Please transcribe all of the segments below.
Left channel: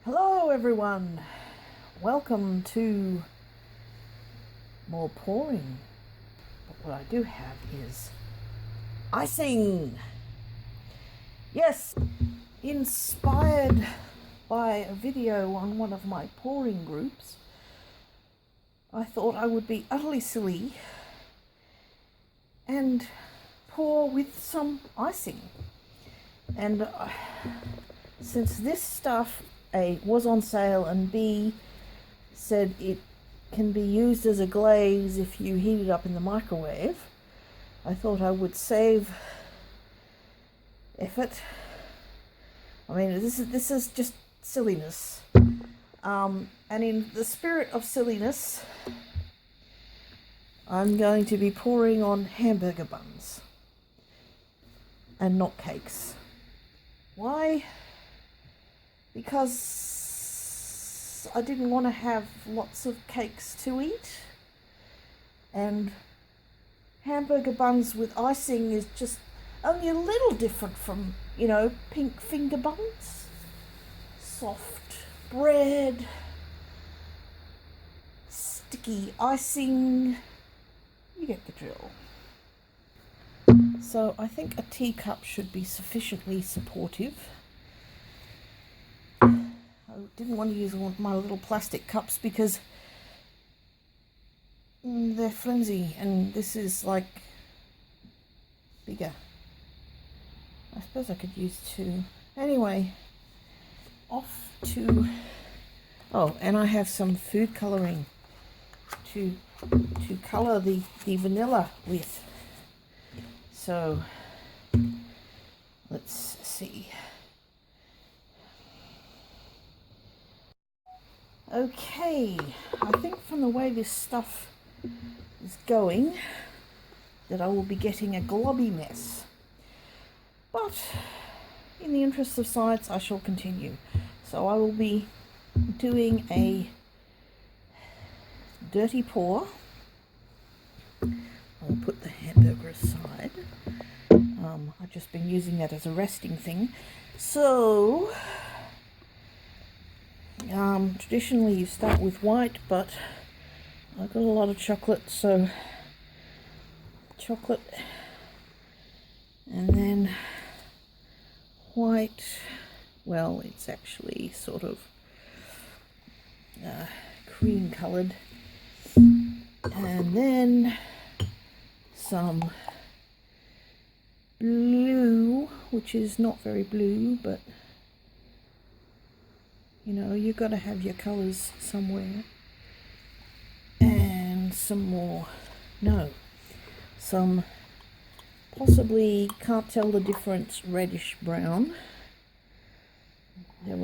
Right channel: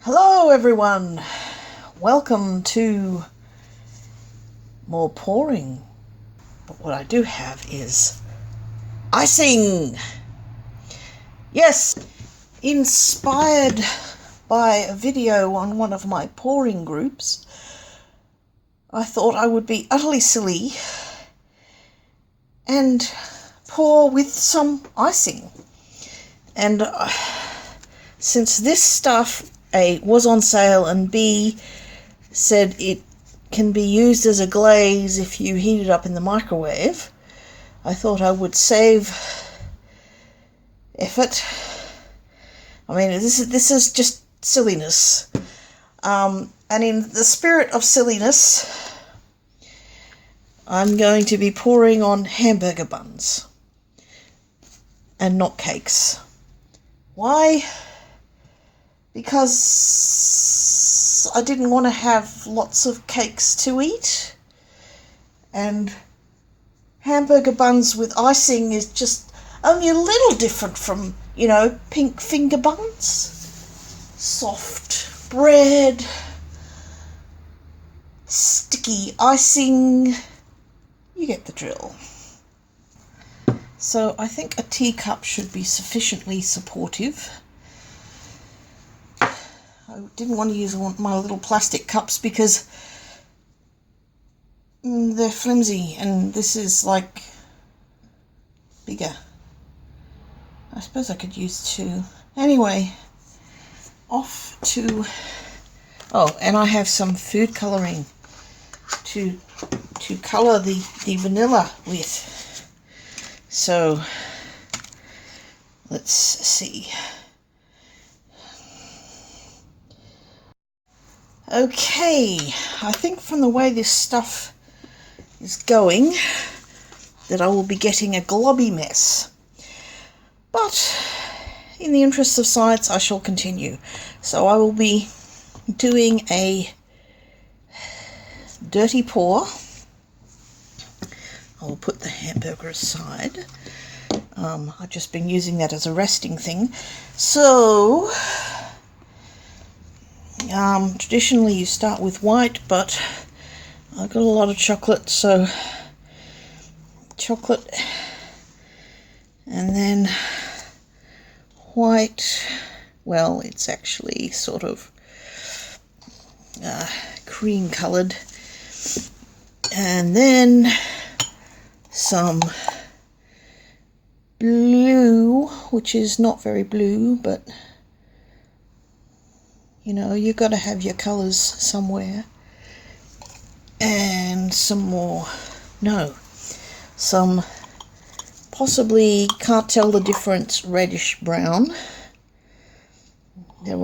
Hello everyone, welcome to more pouring, but what I do have is icing. Yes, inspired by a video on one of my pouring groups, I thought I would be utterly silly and pour with some icing. And since this stuff A, was on sale, and B, said it can be used as a glaze if you heat it up in the microwave, I thought I would save effort. I mean, this is just silliness. And in the spirit of silliness, I'm going to be pouring on hamburger buns and not cakes. Why? Because I didn't want to have lots of cakes to eat, and hamburger buns with icing is just only a little different from, you know, pink finger buns. Soft bread, sticky icing, you get the drill. So I think a teacup should be sufficiently supportive. I didn't want to use my little plastic cups because they're flimsy, and this is like bigger. I suppose I could use two. Anyway, off to... Oh, and I have some food colouring to colour the vanilla with. So, let's see. Okay, I think from the way this stuff is going that I will be getting a globby mess. But in the interest of science, I shall continue. So I will be doing a dirty pour. I will put the hamburger aside. I've just been using that as a resting thing. So... traditionally you start with white, but I've got a lot of chocolate, so chocolate and then white. Well, it's actually sort of cream coloured, and then some blue, which is not very blue, but you know, you've got to have your colours somewhere. And some more, some possibly, can't tell the difference, reddish brown. There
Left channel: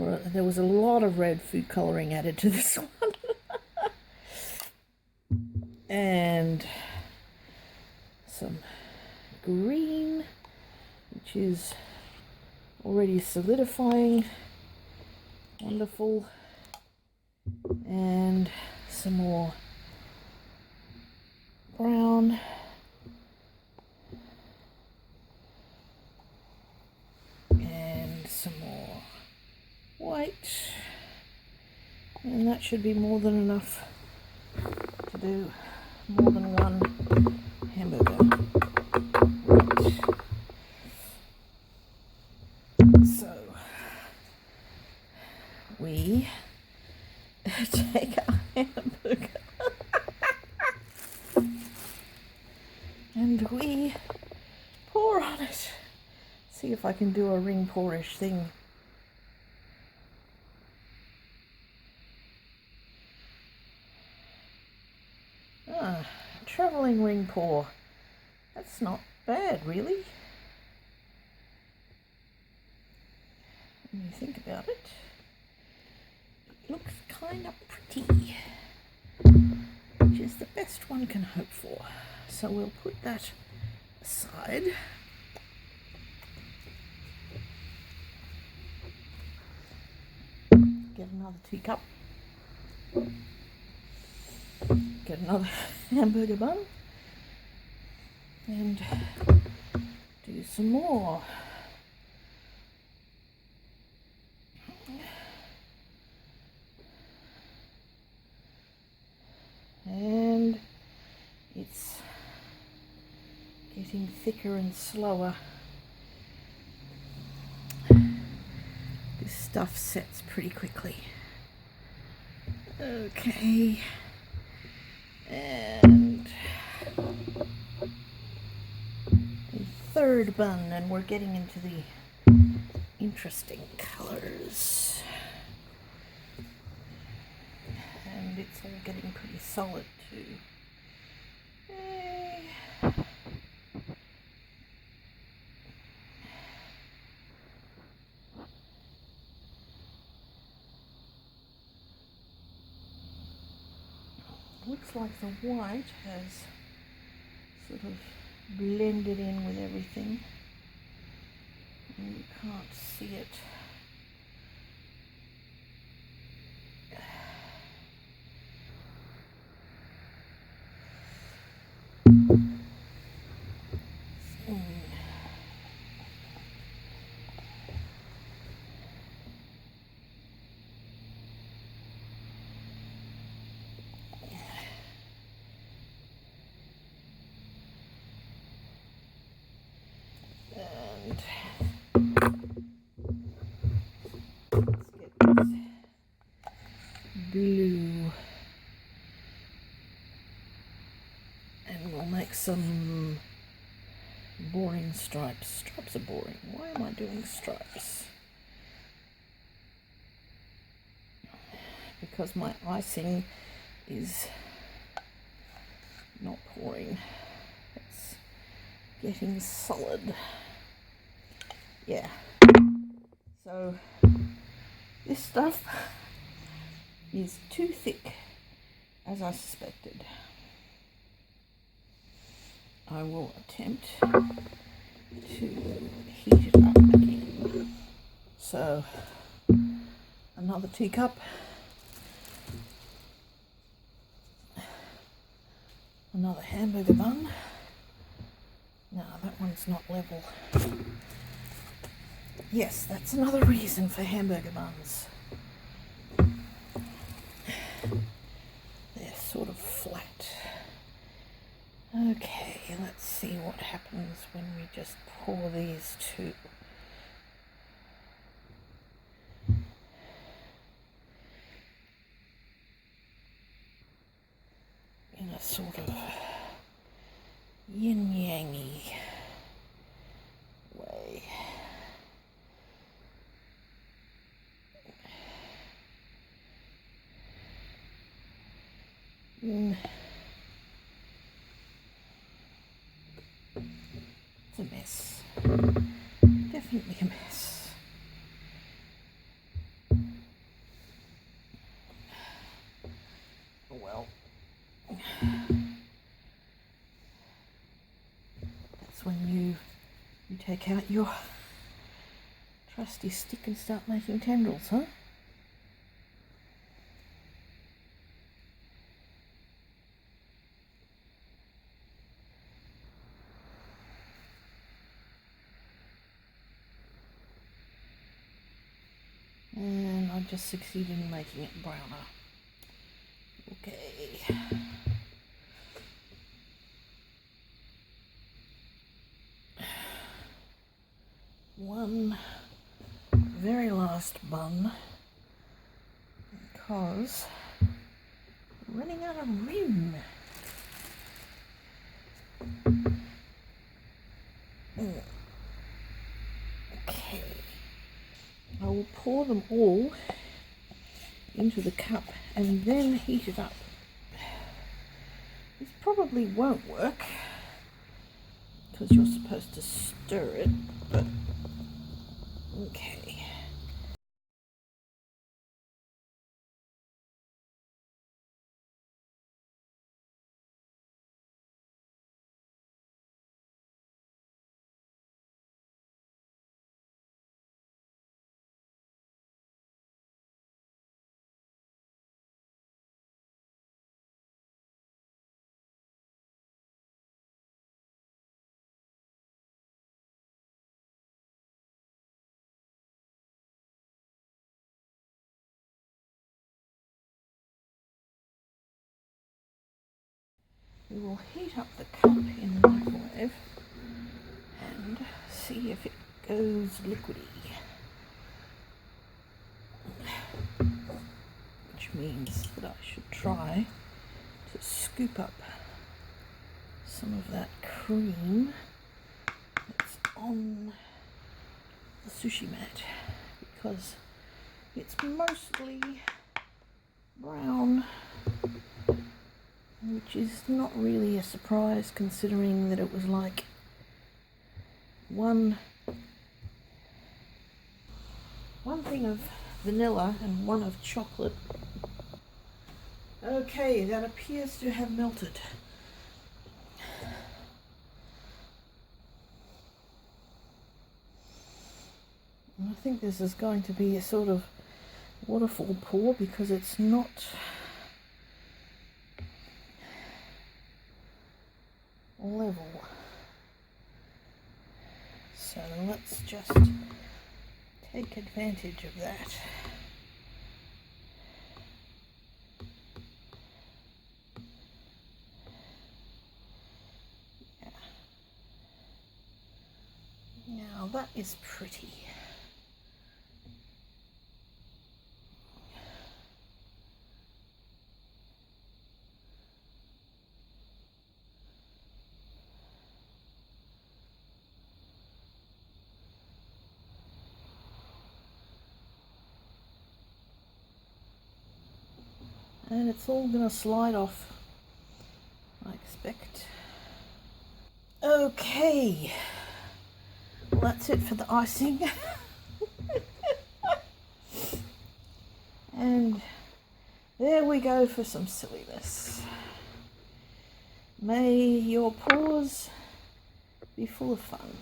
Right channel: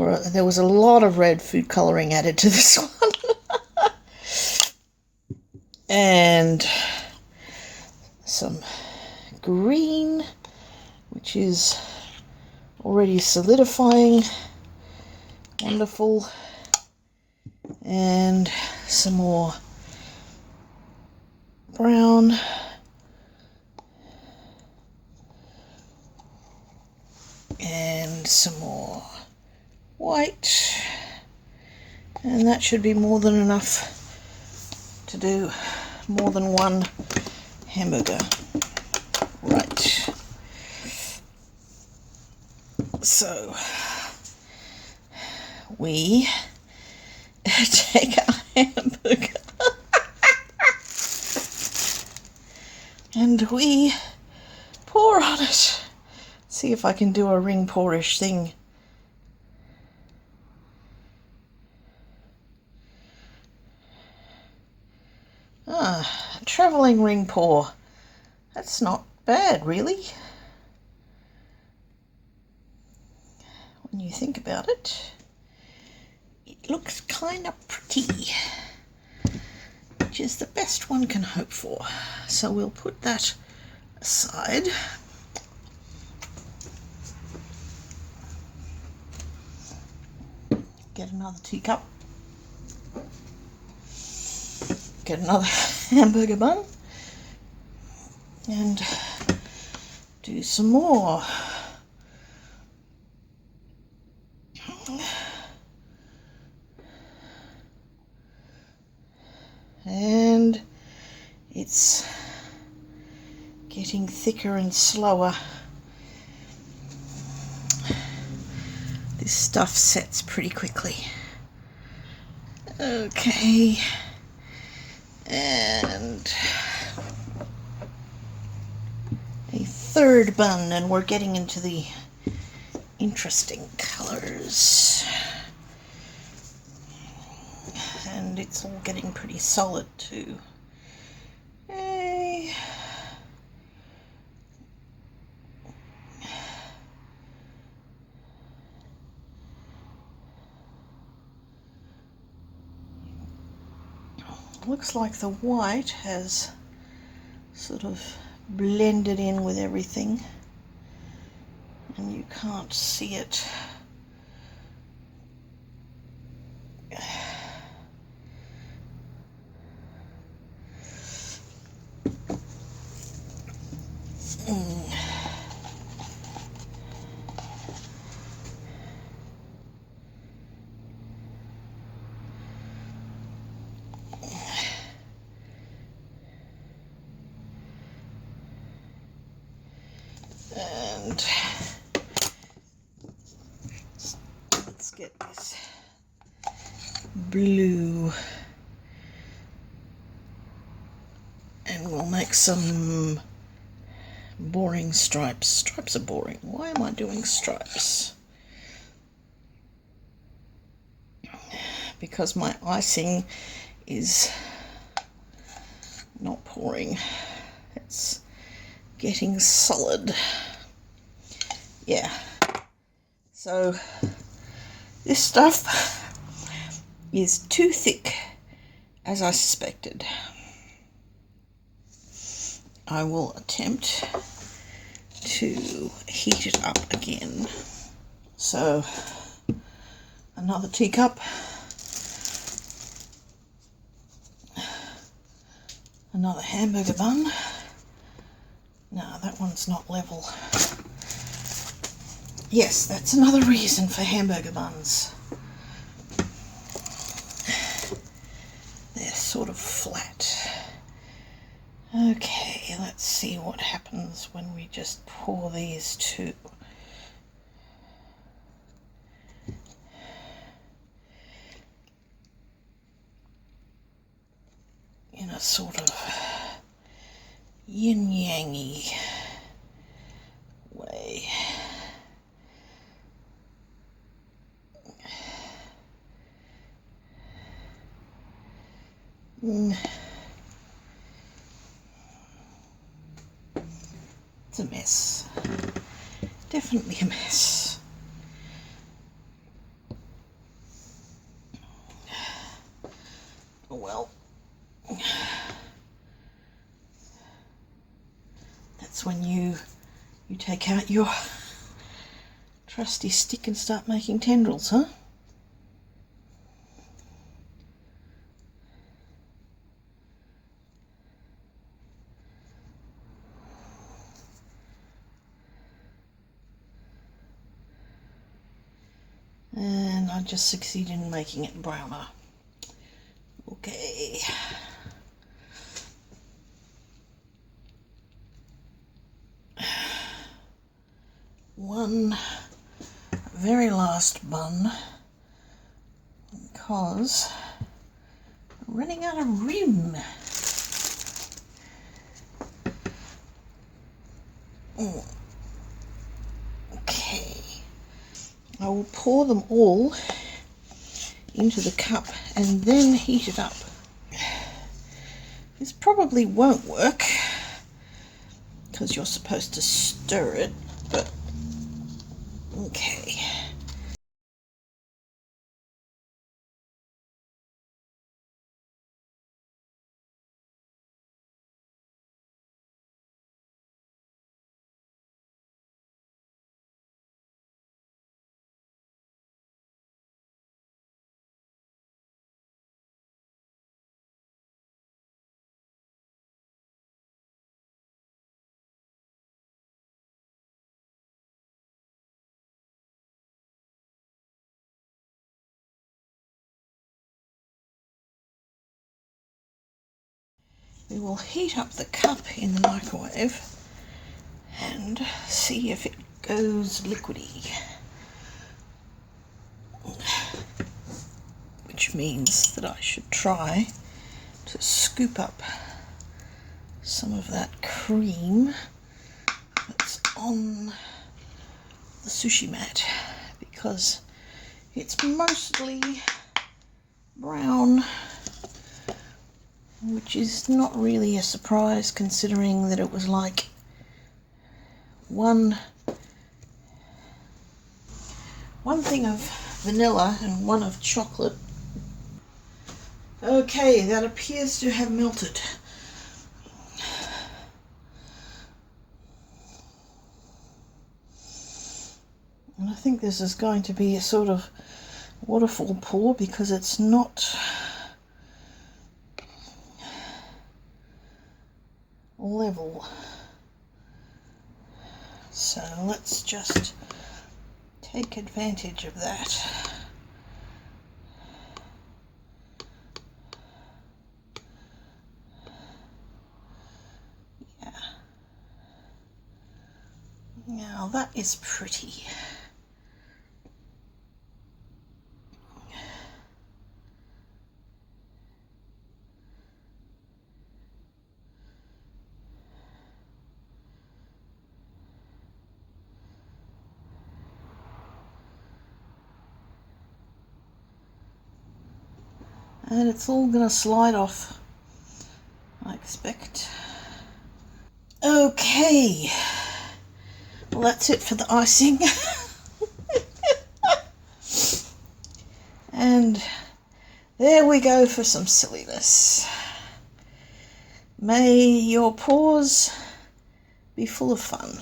was a lot of red food colouring added to this one. And some green, which is already solidifying. Wonderful. And some more brown. And some more white. And that should be more than enough to do more than one hamburger. Right. So we take our hamburger and we pour on it. See if I can do a ring pour-ish thing. A travelling ring pour. That's not bad, really, when you think about it. It looks kind of pretty, which is the best one can hope for. So we'll put that aside. Get another teacup. Get another hamburger bun. and do some more. And it's getting thicker and slower. This stuff sets pretty quickly. Okay, and a third bun, and we're getting into the interesting colors. And it's all getting pretty solid too. Okay. Looks like the white has sort of blended in with everything, and you can't see it. And let's get this blue, and we'll make some boring stripes. Stripes are boring. Why am I doing stripes? Because my icing is not pouring. It's getting solid. Yeah. So this stuff is too thick, as I suspected. I will attempt to heat it up again. So another teacup, another hamburger bun. No, that one's not level. Yes, that's another reason for hamburger buns. They're sort of flat. Okay, let's see what happens when we just pour these two. In a sort of yin-yang-y way. It's a mess. Definitely a mess. Oh well. That's when you take out your trusty stick and start making tendrils, huh? And I just succeeded in making it browner. Okay. One very last bun, because I'm running out of room. Okay. I will pour them all into the cup and then heat it up. This probably won't work because you're supposed to stir it, but okay. we will heat up the cup in the microwave and see if it goes liquidy. Which means that I should try to scoop up some of that cream that's on the sushi mat, because it's mostly brown, which is not really a surprise considering that it was like one thing of vanilla and one of chocolate. Okay, that appears to have melted. And I think this is going to be a sort of waterfall pour because it's not level. So let's just take advantage of that. Yeah. Now that is pretty. And it's all going to slide off, I expect. Okay, well that's it for the icing. And there we go for some silliness. May your pours be full of fun.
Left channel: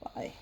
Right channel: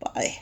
Bye.